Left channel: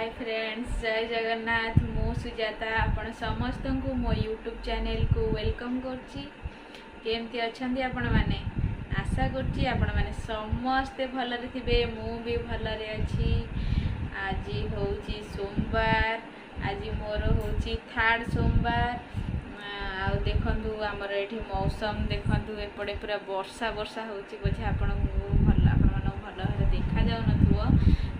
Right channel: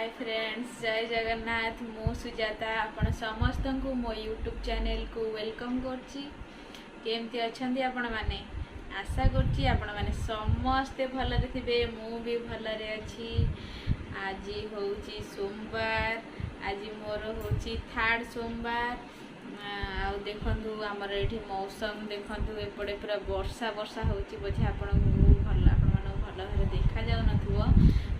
Hi friends, जय जगन्नाथ। मु सुजाता आपण समस्त को मो यूट्यूब चैनल को वेलकम करछि। केमती अछंती आपण माने? आशा करछि आपण माने समस्ते भलरे थिबे। मु भी भलरे अछि। आज होउछि सोमवार। आज मोर होउछि थर्ड सोमवार। आ देखंतु हमर एठी मौसम देखंतु एपड़े पूरा वर्षा वर्षा होउछि बोझे आपण मानो भल भाबे देखा जाउ नथुओ।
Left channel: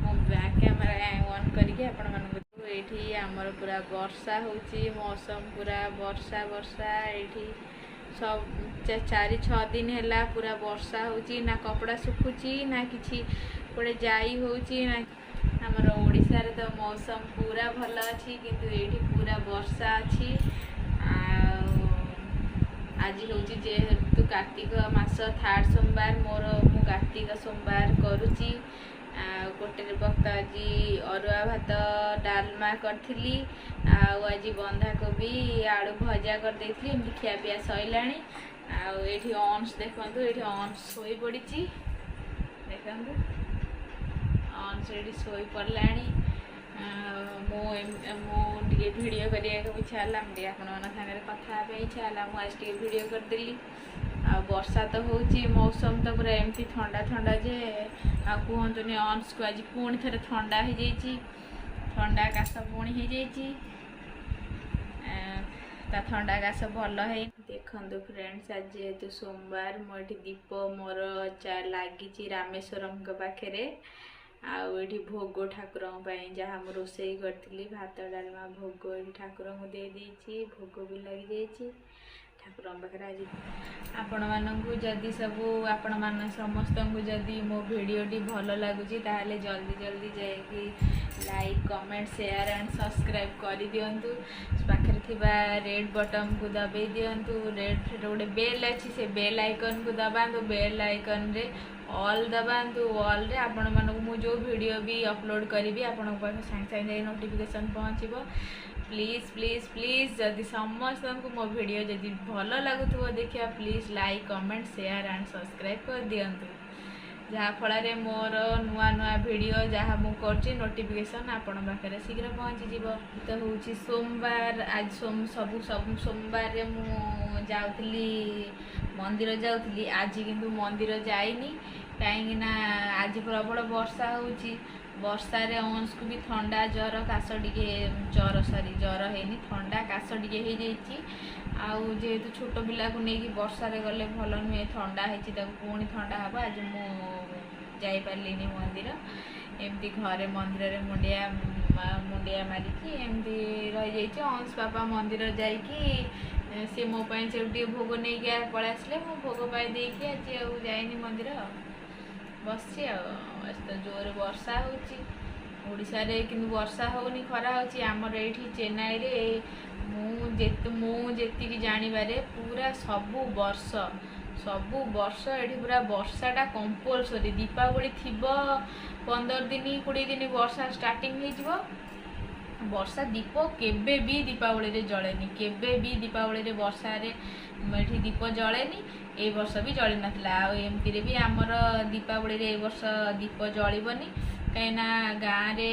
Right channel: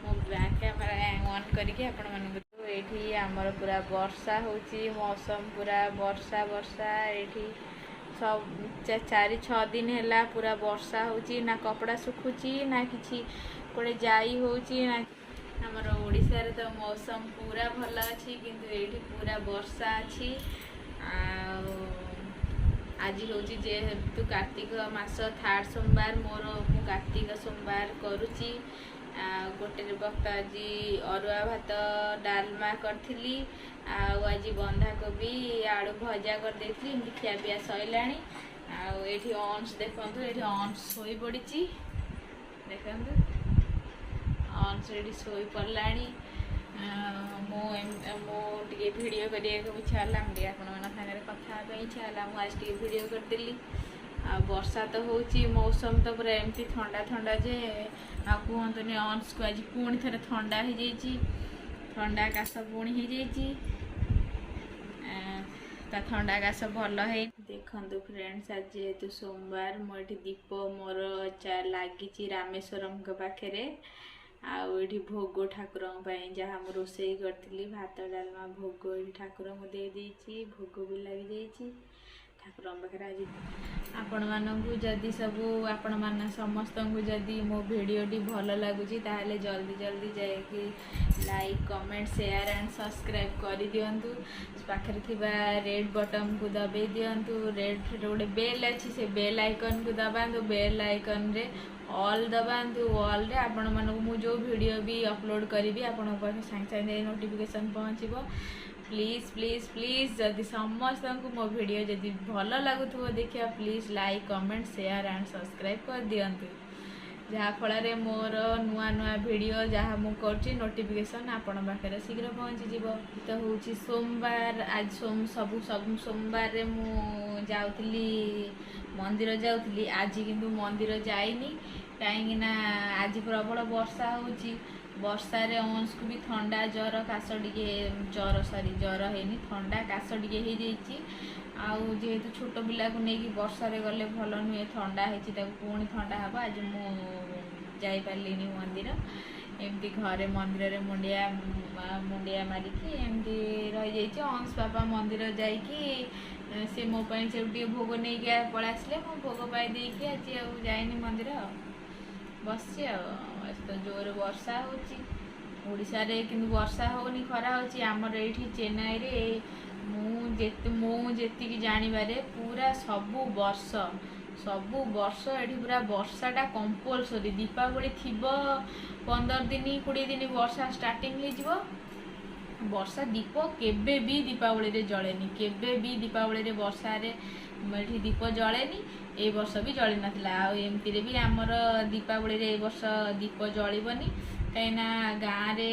मो बैक कैमरा ऑन करके आपण मानको एठी हमर पूरा वर्षा होउछि। मौसम पूरा वर्षा वर्षा एठी सब 4-6 दिन हैला पूरा वर्षा होउछि। ना कपड़ा सुखुछि ना किछि कोडे जाई होउछि ना। हमर ओडिसा रे तो मौसम पूरा भल अछि किंतु एठी पूरा वर्षा अछि। आज हूँ जेहेतु कार्तिक मास थर्ड सोमवार मु कार्तिक सोमवार करुच्ची। गोटे वक्त आज अरुआ भात डालमा करी आज बंधाकोबी आलू भजा कर देती खिया पिया सैलानी। आठी अंश देखु ये अंश शोई पड़ी देखु अंश ये शोई पड़ा। मुझे वीडियो करने इच्छा है मुझे आपंगे कथा इच्छा है आज वीडियो करदेली। वर्षा तो होची मौसम तो पूरा एमती ठंडा ठंडा जे कहतुनि अंश को आज पुणी थे ठंडा हो जाइए। ठंडा काश पुणी हो जाइए ठंडा काश भल है। देखु फ्रेंड्स आज जेहेतु सोमवार मोटी दीप मोर लगी रामेश्वरम पाखे आठी भोग ठाकुर जहाँ मुझे रोसई करी भात डालमा भोग ये ठाकुर को दे देती। भोग भी लगी जाइए ठाकुर पाखे। आज आपण मानू जदि सबू आपण मान समस्त को जदि मो भिडटी भल लगुच ताहले जल्दी जल्दी जाकि like comment share and subscribe कर दिंतु। पाखे थिबा रेड बटन को दबे दिंतु। रेड गोटे बेल अच्छी से बेल आइकन को दबातु। बेल आइकन रे ऑल दबातु। ऑल रे आपण मानक मु जो वीडियो भी अपलोड करी आपण पाखे सागे सागे नोटिफिकेशन पहुँचो। प्लीज प्लीज प्लीज जदि समस्त को मो वीडियो जदि भल लगुव देखिए please like comment share and subscribe कर दिंतु। जहाँ फल मोर नुआ नुआ वीडियो जहाँ मुझे नोटिफिकेशन आपण पाखे शीघ्र पहुँची जीव। तो हूँ सोमवार आज सब सोमवार रे मु जाऊली मंदिर जाऊली। आज किंतु मंदिर जाइनी कहीं आज प्रबल वर्षा होची। वर्षा रे अंश को भी ठंडा जर काश टे जर सरी जर है ठंडा काश टे हो जाइए। आउ जेहेतु छोट पिला को लेकिन वर्षा रे गले भल नुहे ठंडा होती पुणी ठंडा हम। आज मु जापारे मंदिर एमती घरे मंदिर रे मुंडिया मारिकी एमती रही जाइए। अंश बापा मंदिर जाइकी सी मो से भोग नहीं पलि आसले मो भोग पाई देकी आज जाइनी मंदिर बस। तो जोर वर्षा होड़िशा रे किंतु वर्षा होनी खरा होची। आमर एठी चेन्नई रे मु जेतिकी जानिबारे पूरा सबु वर्ष एठी पूरा वर्षाटा कंपलसरी। दीपावली थिबो 15 दिन 20 दिन वर्षा स्टार्टिंग हो जिवो। वर्षा दीप केबे भी दीपावली रे जलेनी। केबे भी दीपावली रे वर्षा रे एठी दीप जलेनी। ए वर्ष भी जली नथिला। एमती रे भी आमर दीपावली रे ए वर्ष दीप जलिबनी कहीं गाँव रे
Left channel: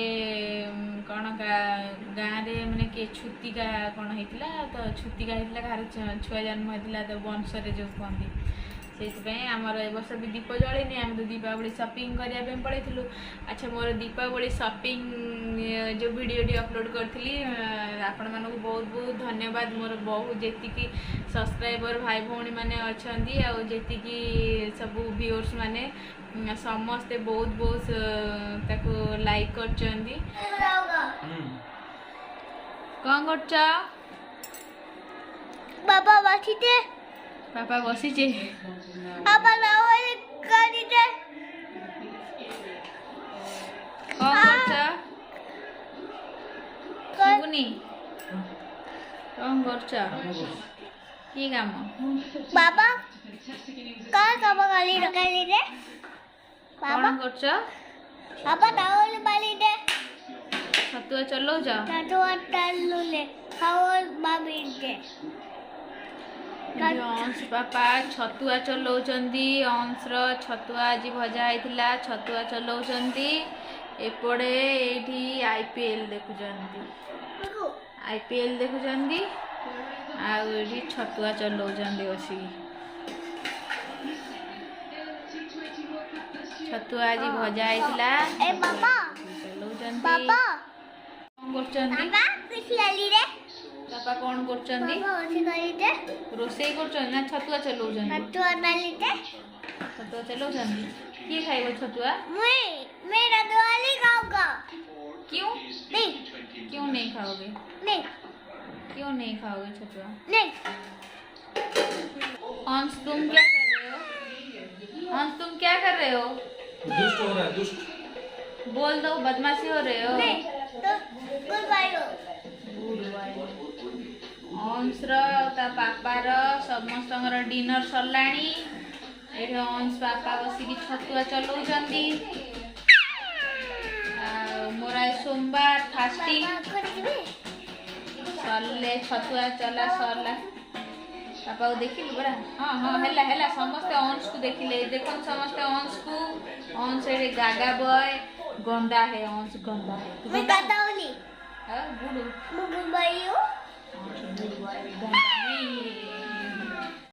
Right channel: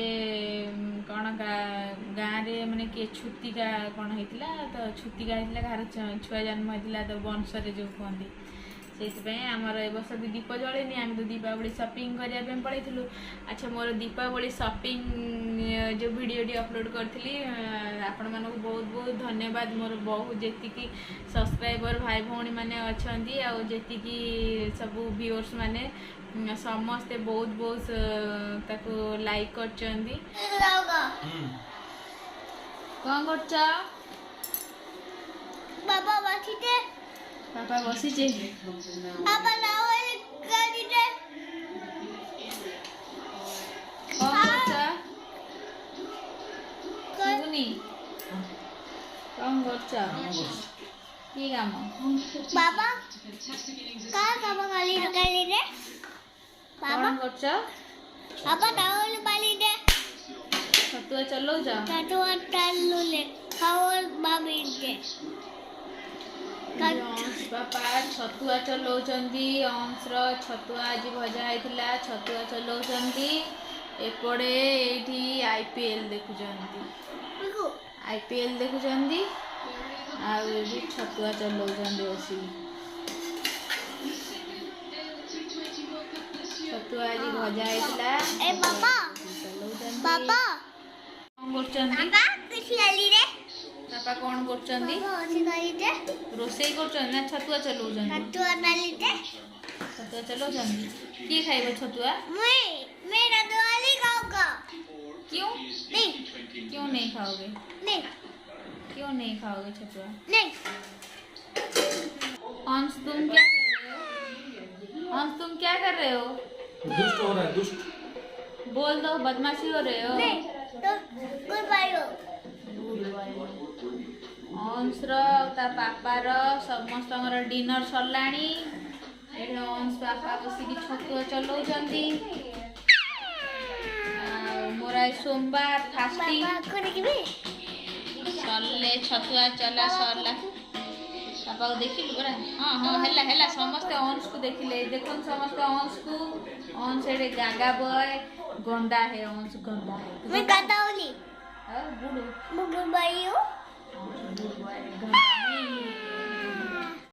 कौन गाँव रे माने के छुतिका कौन होता तो छुतिका होता कहार छुआ जन्म होता तो वंश जो कहती से आमर ए वर्ष भी दीप जलेनी। आम तो दीपावली शॉपिंग करने पड़ेलु। अच्छा मोर दीपावली शॉपिंग जो वीडियोटी अपलोड करी आपण मानक बहुत बहुत धन्यवाद। मोर बहुत जी सब्सक्राइबर भाई भौणी मैंने अच्छा जी सब व्यूअर्स माने समस्ते बहुत बहुत ताको लाइक कर। कौन कर बाबा बसीते पापा बसीचे बाबा लाओ करी दे कौन कर सुनी कौन कर की काम बाबा का काम करी दे बाबा कौन कर बाबा दाओल बाली दे छतुआ चलो जा टटुआ टालू ले खाओ बाबी दे अंश बापा छतुआ चलाउछंती। अंशर छतुआ आज भजा होता छतुआ चलाउछंती। एपड़े एठी आईपीएल देखुचंदी आईपीएल देखुचंदी आउ एठी छतुआ चलाउचंदी बसी छतुआ आज भजा आइतला ए बाबा चलाउचंदी बाबा कोन करचंदी बाबा किछ लाली रे पापा कोन करचंदी बाबा ओसी लाली रे रोसई करचंदी ना छतुआ चलाउचंदी छतुआ लाली रे छतुआ चलाउचंदी की खाइबो छतुआ मैं रदवाली खाऊंगा क्यों नहीं क्यों नहीं खाओगे नहीं क्यों नहीं खाओगे छतुआ नहीं अंश तुम क्या कर रहे हो अंश तुम क्या कर रहे हो दुष्ट हो रहा है दुष्ट बोल दो बदमाशी हो रहे हो नहीं तो गुड बाय हो अंश ता पापार समस्तଙ୍କର डिनर सरलाणी एठी अंश पापा बसिकी छतुआ चलाउचंदी मोर आज सोमवार फास्टिंग बाबा करे कि सरले छतुआ चला सरला पापा को देखिलु बड़ा हाँ हाँ हेला हेला समस्ते अंश को देखिले देखुन समस्ते अंश एडे गागा बॉय गंदा है अंश गंदा है मैं कहता हूं नहीं गुड मैं गुड बाय हो गुड बॉय गंदा नहीं